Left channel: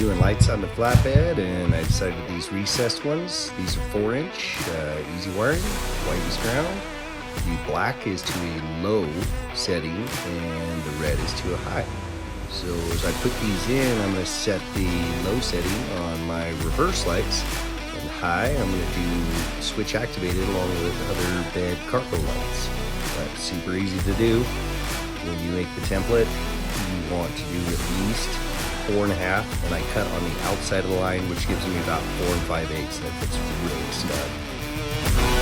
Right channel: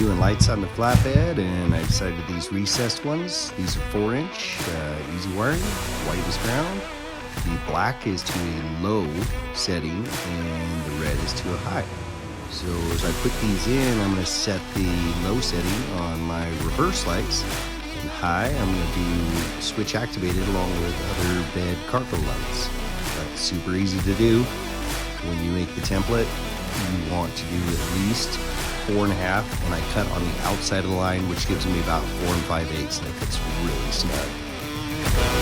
doing lights on the flatbed, and I decided these recessed ones. These are 4-inch, easy wiring, white is ground. The black is to a low setting, and the red is to a high. So as I put these in, I'm going to set the low setting on my reverse lights, and high I'm going to do switch activated along with other bed cargo lights. But super easy to do. When you make the template, you want to do at least 4.5, and I cut on the outside of the line, which gives me about 4 5/8, and it fits really snug.